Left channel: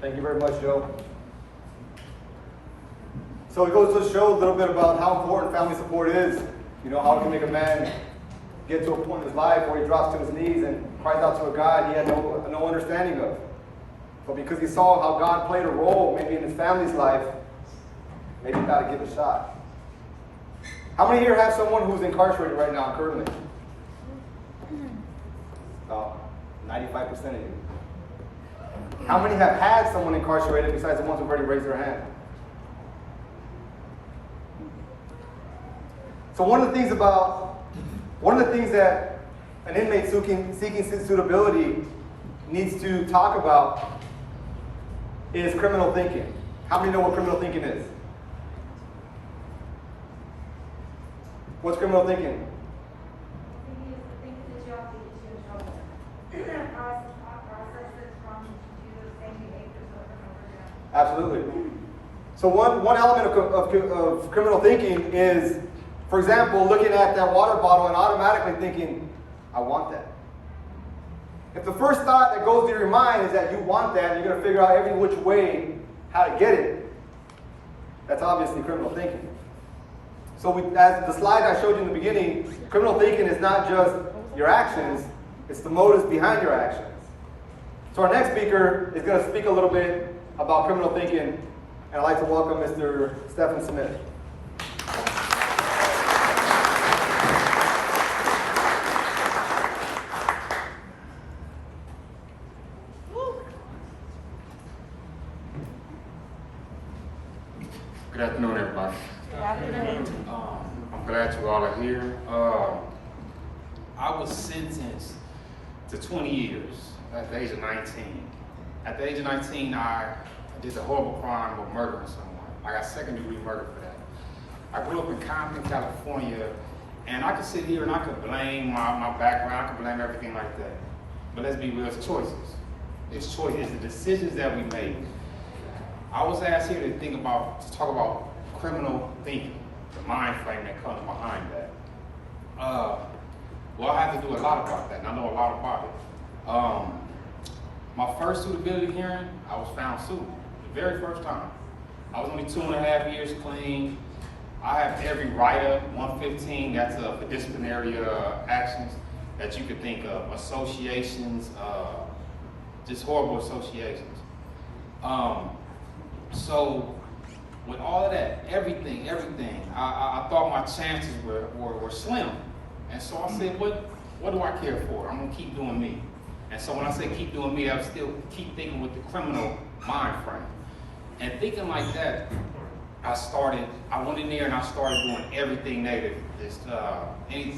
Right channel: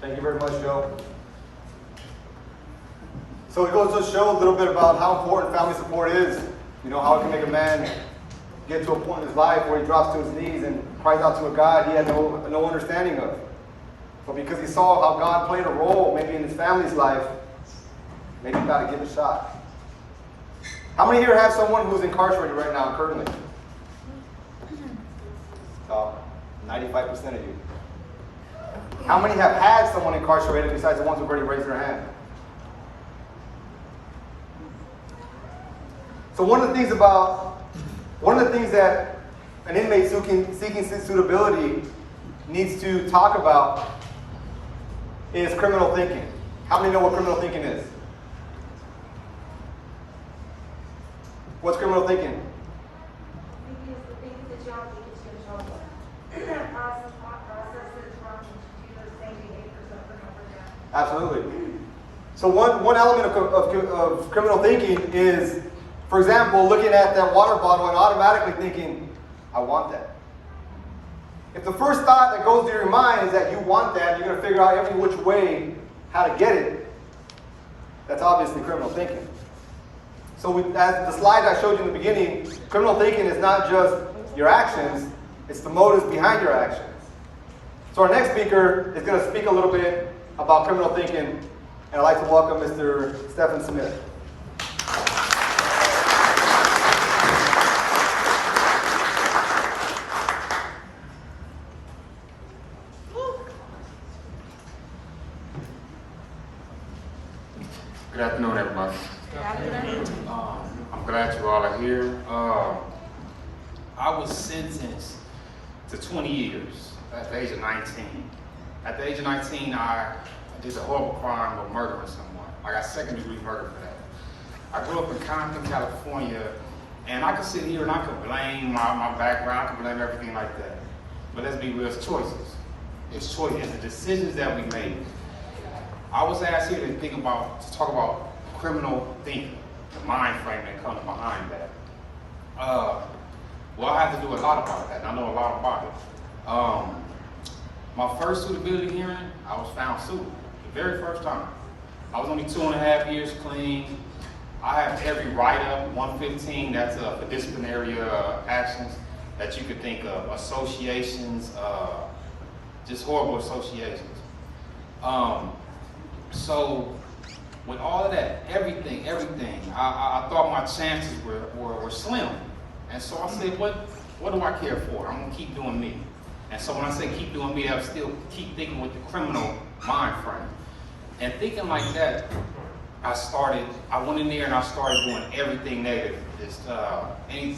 Thank you very much, Joe. So it goes to show a little bit about how important family support is. You know, how it can make a man get to a point in his life where he drops to his knees and cries out to a God he had no understanding of. So because he saw how God played a role maybe in his family's life, maybe he thought to give it a shot. How many here have someone who's incarcerated right now currently? 95% of you. How many have had someone incarcerated besides the ones who've already raised their hand? So one of the things that an inmate seeking suitability needs to talk about is criminal thinking. How many know what criminal thinking is? What's criminal thinking? Absolutely. So one element of criminal thinking is, for example, looking at that water bottle and automatically thinking, I want that. If the first thought that goes through your mind is that you want that, and you're going to figure out every which way how to get it, that's obviously criminal thinking. So as the slide I showed you in the beginning, criminal thinking is not just your actions, it's the motives behind your actions. So our next speaker is going to speak a little bit about criminal thinking, and I'd like to welcome Mr. Stephan Smith. Good afternoon, everybody. Good afternoon. I'm glad you all are here. I was sentenced to 20 years at the age of 19. At the age of 19, I did the horrible crime of murdering someone. I got second-degree murder for that. I grew up in Compton, California, and I could sit here and I could blame my background, I could blame everything like that. But let's be real, it's choices. It's choices, it's the decisions that we make. I was asked here to talk about criminal thinking, the mind frame that comes behind that. Well, I have to do a lot about that, and I know a lot about it. My first suitability hearing, I was found suitable, the very first time. I was only 2.5 years clean. I have every write-up, 115, that's for disciplinary actions that you could think of, associations, just horrible associations. So with all of that, everything, I thought my chances were slim. And so I said, what do I care for? I'm gonna keep doing me. And so when I say keep doing me, I still keep thinking with the criminal mind frame. And thinking like that, I went in there and I started doing everything negative. Just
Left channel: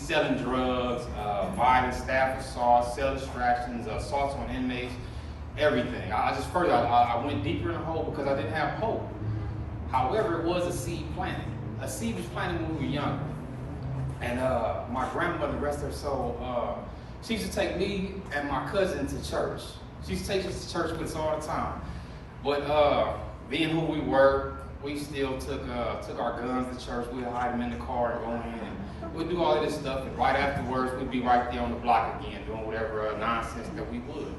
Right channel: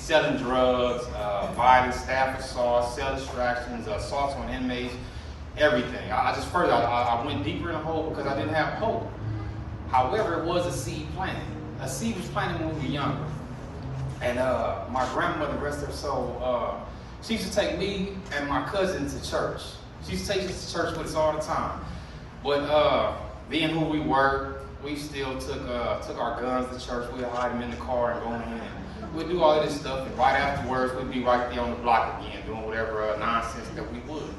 selling drugs, violence, staff assault, cell distractions, assaults on inmates, everything. I went deeper in the hole because I didn't have hope. However, it was a seed planted. A seed was planted when we were younger. And my grandmother, rest her soul, she used to take me and my cousin to church. She used to take us to church with us all the time. But being who we were, we still took our guns to church. We'd hide them in the car and go in. And we'd do all of this stuff. And right afterwards, we'd be right there on the block again, doing whatever nonsense that we would.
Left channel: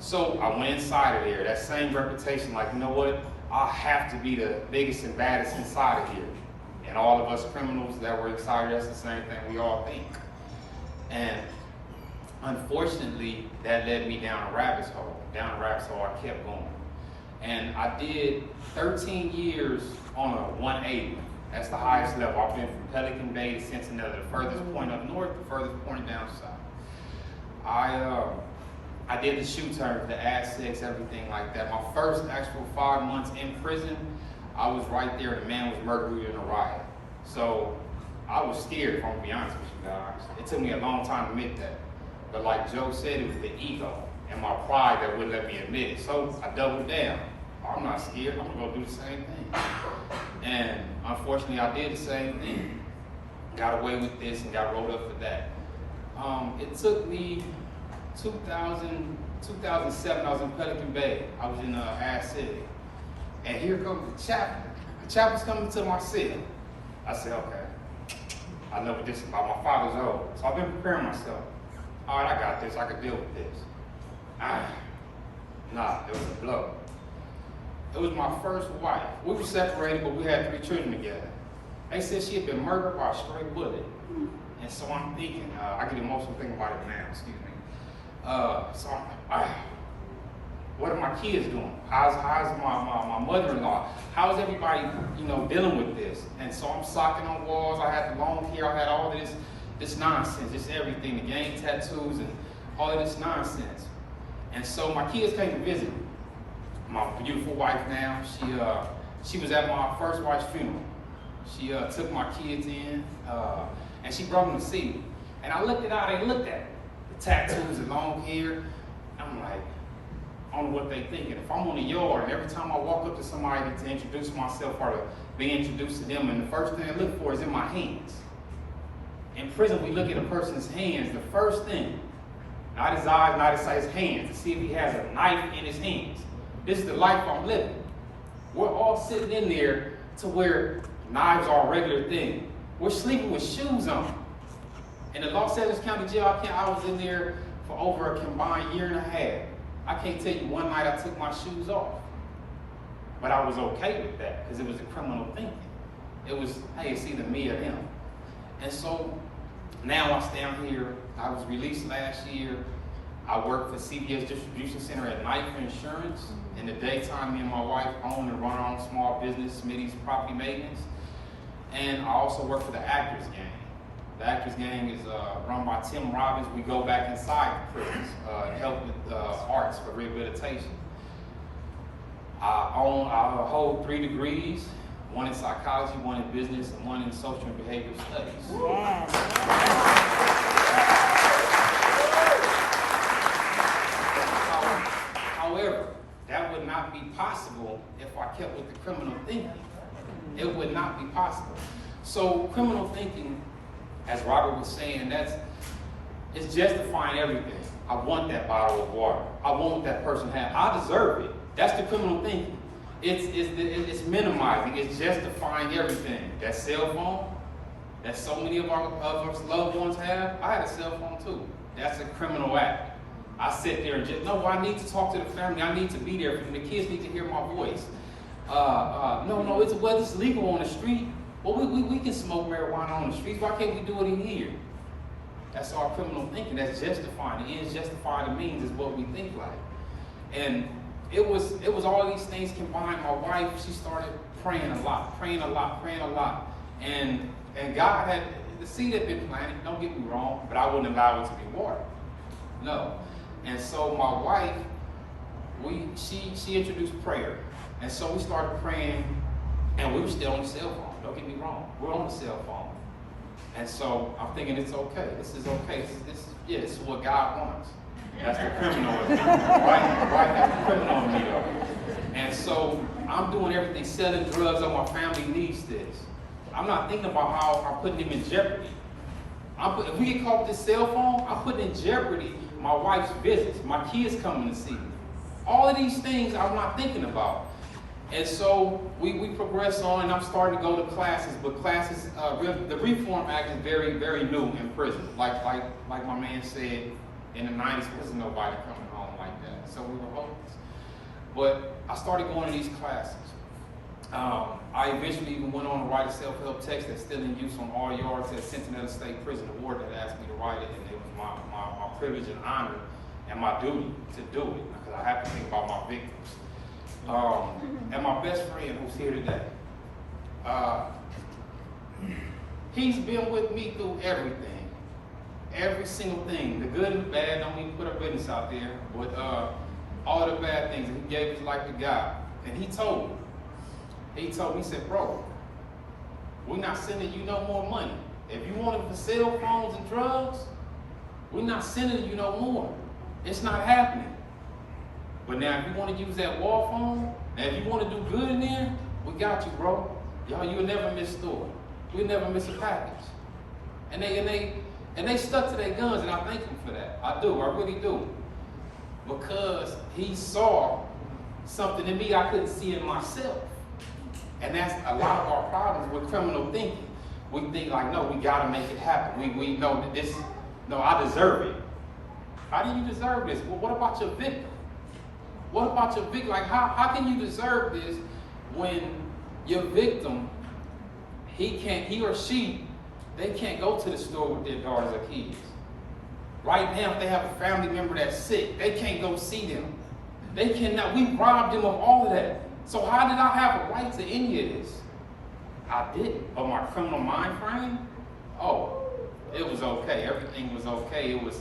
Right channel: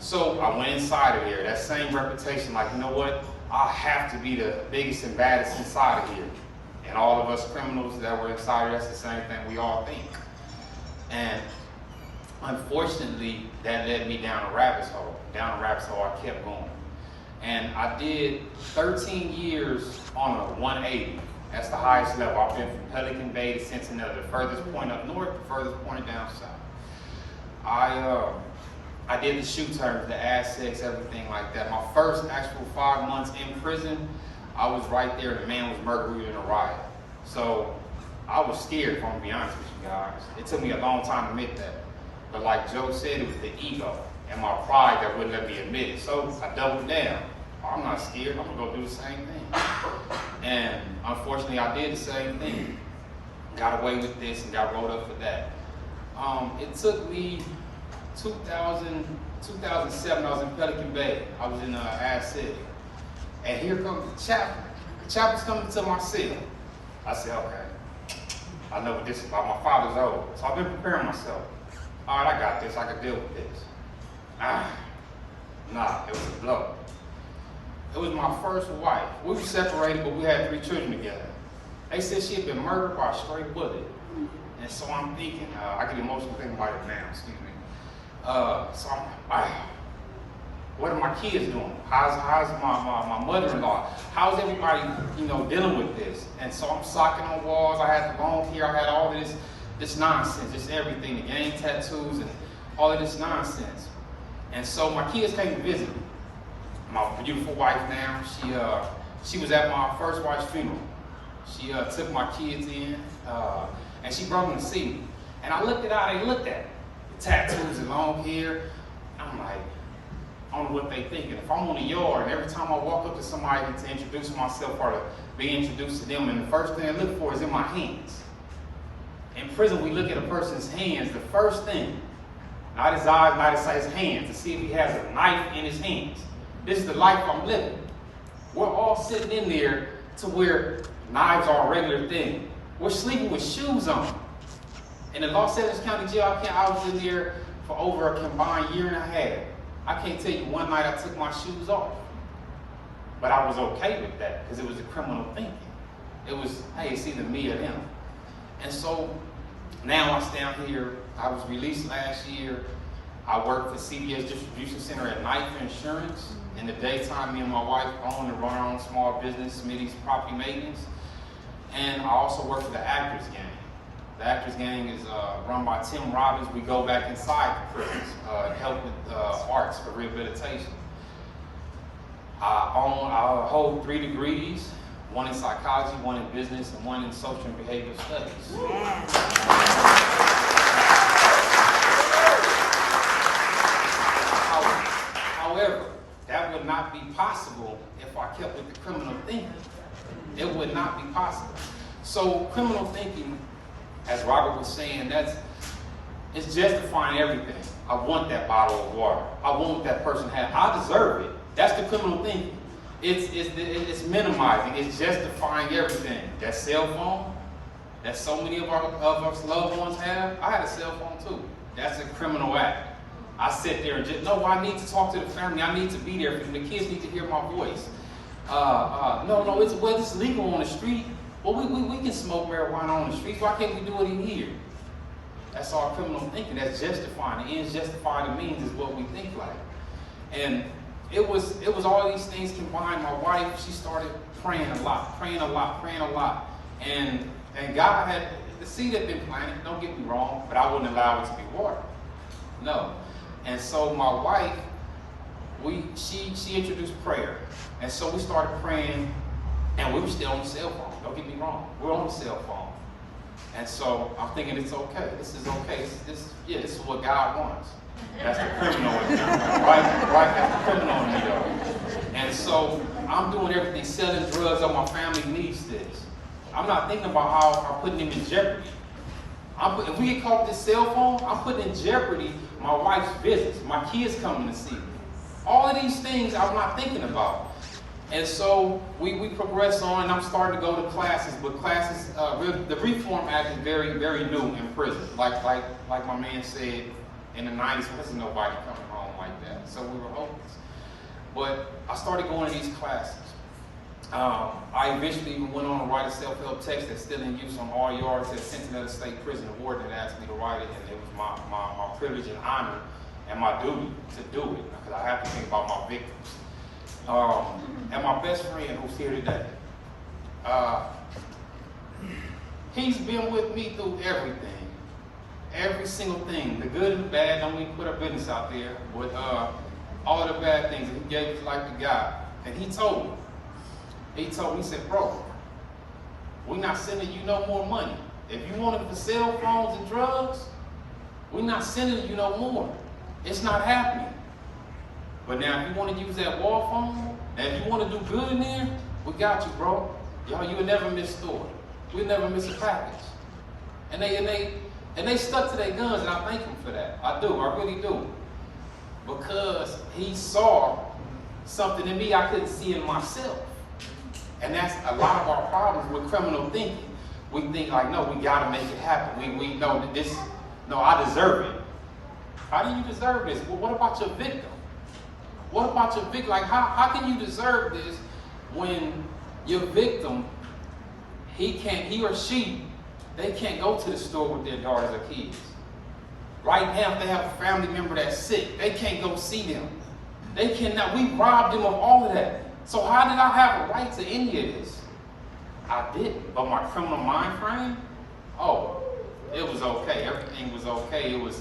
So I went inside of there, that same reputation, like, you know what? I have to be the biggest and baddest inside of here. And all of us criminals that were inside, that's the same thing we all think. And unfortunately, that led me down a rabbit hole. Down a rabbit hole, I kept going. And I did 13 years on a 180. That's the highest level. I've been from Pelican Bay to Cincinnati, the furthest point up north, the furthest point down south. I did the shoe turns, the assets, everything like that. My first actual 5 months in prison, I was right there. The man was murdered in a riot. So I was scared, if I'm gonna be honest with you guys. It took me a long time to admit that. But like Joe said, it was the ego and my pride that wouldn't let me admit it. So I doubled down. I'm not scared, I'm gonna go do the same thing. And unfortunately, I did the same thing. Got away with this and got rolled up for that. It took me 2007, I was in Pelican Bay. I was in Ash City. And here comes the chaplain. The chaplain's coming to my cell. I said, okay, I know what this is about. My father's old. So I've been preparing myself. All right, I got this. I can deal with this. Nah, it was a blow. It was my first wife. We were separated, but we had 3 children together. They said she had been murdered by a straight bullet. And so I'm thinking, I get emotional thinking about it now, excuse me. So I'm like, wow, what are my kids doing? How's my mother-in-law? How's everybody, dealing with this? And so I'm socking on walls. I had the long hair. I had all this nonsense, just everything, the gang tattoos and all of this nonsense. And so my kids came to visit me. My beautiful wife now, she was at my first wife's funeral. She took my kids in, and she brought them to see me. And I looked at how they looked at me. The tattoos and long hair. I'm like, I don't know what they thinking. If I'm on the yard and every time I walk up to somebody to introduce myself or to be introduced to them, and the first thing I look for is in my hands. In prison, we look at a person's hands, the first thing, not his eyes, not his hands, to see if he has a knife in his hands. This is the life I'm living. We're all sitting in there to where knives are a regular thing. We're sleeping with shoes on. In the Los Angeles County Jail, I was in there for over a combined 1.5 years. I can't tell you one night I took my shoes off. But I was okay with that because it was a criminal thinking. It was, hey, it's either me or him. And so now I stand here. I was released last year. I work for CBS Distribution Center at night for insurance. In the daytime, me and my wife own and run our own small business, Smitty's Property Maintenance. And I also work for the Actors Gang. The Actors Gang is run by Tim Robbins. We go back inside the prisons and help with arts for rehabilitation. I hold 3 degrees, 1 in psychology, 1 in business, and 1 in social and behavioral studies. Yes. However, that would not be possible if I kept with the criminal thinking. It would not be possible. So criminal thinking, as Robert was saying, it's justifying everything. I want that bottle of water. I want what that person had. I deserve it. That's the criminal thinking. It's minimizing. It's justifying everything. That cell phone that so many of our loved ones have. I had a cell phone too. That's a criminal act. I sit there and just, no, I need to talk to the family. I need to be there for them. The kids need to hear my voice. No, it's legal on the street. Well, we can smoke marijuana on the streets. Why can't we do it in here? That's our criminal thinking. That's justifying. The ends justify the means is what we think like. And it was all these things combined. My wife, she started praying a lot. And God had, the seed had been planted, don't get me wrong, but I wouldn't allow it to be watered. No. And so my wife, she introduced prayer. And so we started praying, and we were still on the cell phone. Don't get me wrong. We're on the cell phone. And so I'm thinking it's okay. This is okay. This is what God wants. That's the criminal in me. Right? That's the criminal in me though. And so I'm doing everything, selling drugs on my family needs this. I'm not thinking about how I'm putting them in jeopardy. If we get caught with this cell phone, I'm putting in jeopardy my wife's business, my kids coming to see me. All of these things I'm not thinking about. And so we progress on, and I'm starting to go to classes, but classes, the Reform Act is very, very new in prison. Like my man said, in the 90s, there wasn't nobody coming home like that. So we were hopeless. But I started going to these classes. I eventually even went on to write a self-help text that's still in use on all yards at Cincinnati State Prison. The warden had asked me to write it, and it was my privilege and honor and my duty to do it, because I have to think about my victims. And my best friend who's here today, he's been with me through everything. Every single thing, the good and the bad. Don't even put our business out there, but all the bad things. And he gave his life to God. And he told me, he said, bro, we're not sending you no more money. If you wanted for cell phones and drugs, we're not sending you no more. It's not happening. But now if you want to use that wall phone, now if you want to do good in there, we got you, bro. Y'all, you'll never miss store. We'll never miss a package. And they stuck to their guns, and I thank him for that. I do, I really do. Because he saw something in me I couldn't see in myself. And that's a lot of our problems with criminal thinking. We think like, no, we gotta make it happen. We know that this, no, I deserve it. How do you deserve this? Well, what about your victim? What about your victim? Like, how can you deserve this when your victim, he or she, they can't go to the store with their daughters or kids. Right now, if they have a family member that's sick, they can't go see them. They cannot, we robbed them of all of that. So how did I have a right to any of this? I didn't, but my criminal mind frame, oh, it was okay. Everything was okay. It was,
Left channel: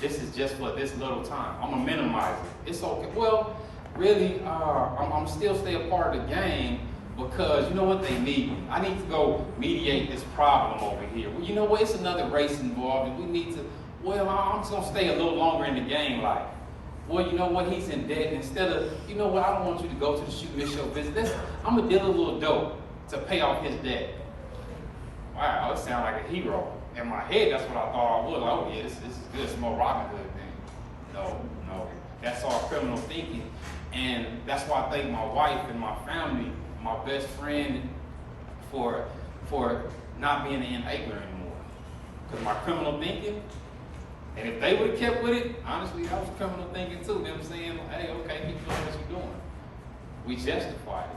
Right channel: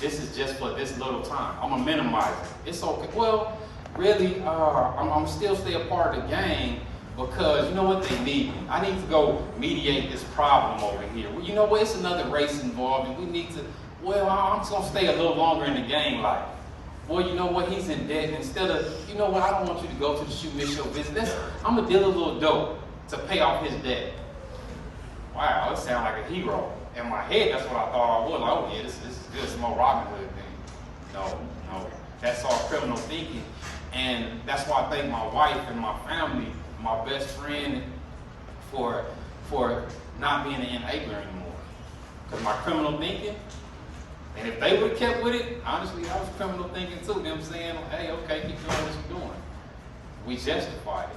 this is just for this little time. I'm gonna minimize it. It's okay. Well, really, I'm still stay a part of the gang because you know what, they need me. I need to go mediate this problem over here. Well, you know what, it's another race involved and we need to, well, I'm just gonna stay a little longer in the gang life. Well, you know what, he's in debt, and instead of, you know what, I don't want you to go to the shoot, miss your visit. I'm gonna deal a little dope to pay off his debt. Wow, it sounds like a hero. In my head, that's what I thought I would. Like, oh yeah, this is good, it's more Robin Hood thing. No, that's all criminal thinking. And that's why I thank my wife and my family, my best friend, for not being an enabler anymore. Because my criminal thinking, and if they would have kept with it, honestly, I was criminal thinking too. Them saying, hey, okay, keep doing what you're doing. We justified it.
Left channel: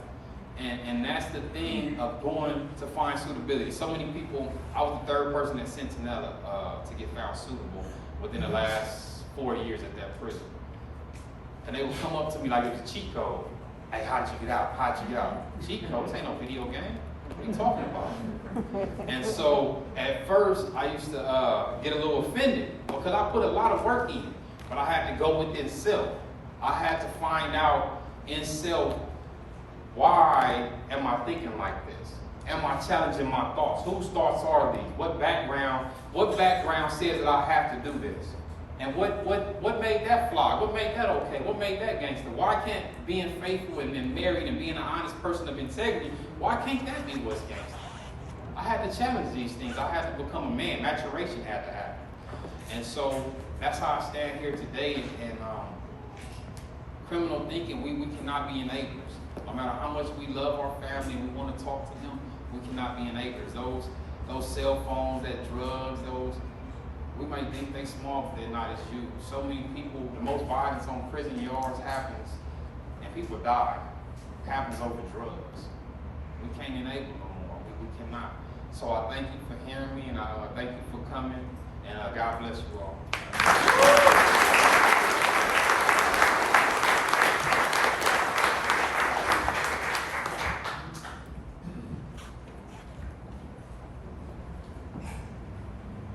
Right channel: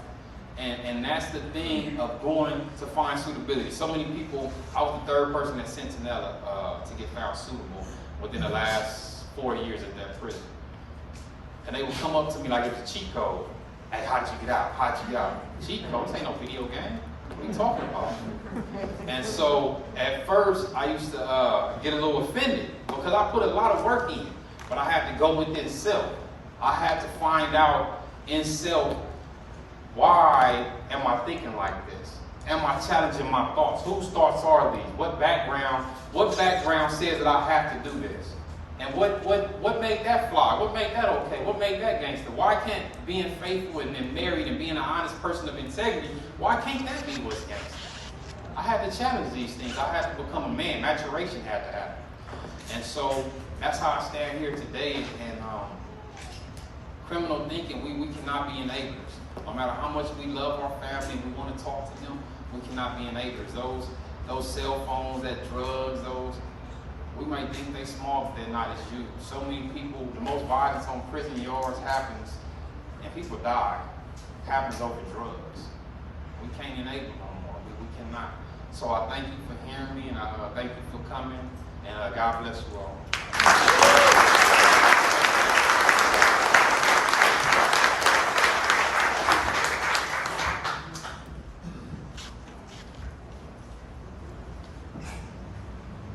And that's the thing of going to find suitability. So many people, I was the third person at Sentinella to get found suitable within the last 4 years at that prison. And they would come up to me like it was a cheat code. Hey, how did you get out? How'd you get out? Cheat code? This ain't no video game. What are you talking about? And so at first I used to get a little offended because I put a lot of work in, but I had to go within self. I had to find out in self, why am I thinking like this? Am I challenging my thoughts? Whose thoughts are these? What background says that I have to do this? And what made that fly? What made that okay? What made that gangster? Why can't being faithful and married and being an honest person of integrity, why can't that be what's gangster? I had to challenge these things. I had to become a man. Maturation had to happen. And so that's how I stand here today. And criminal thinking, we cannot be enablers. No matter how much we love our family, we want to talk to them, we cannot be enablers. Those cell phones, that drugs, we might think they small, but they're not. It's huge. So many people, the most violence on prison yards happens, and people die. It happens over drugs. We can't enable no more. We cannot. So I thank you for hearing me, and I thank you for coming, and God bless you all.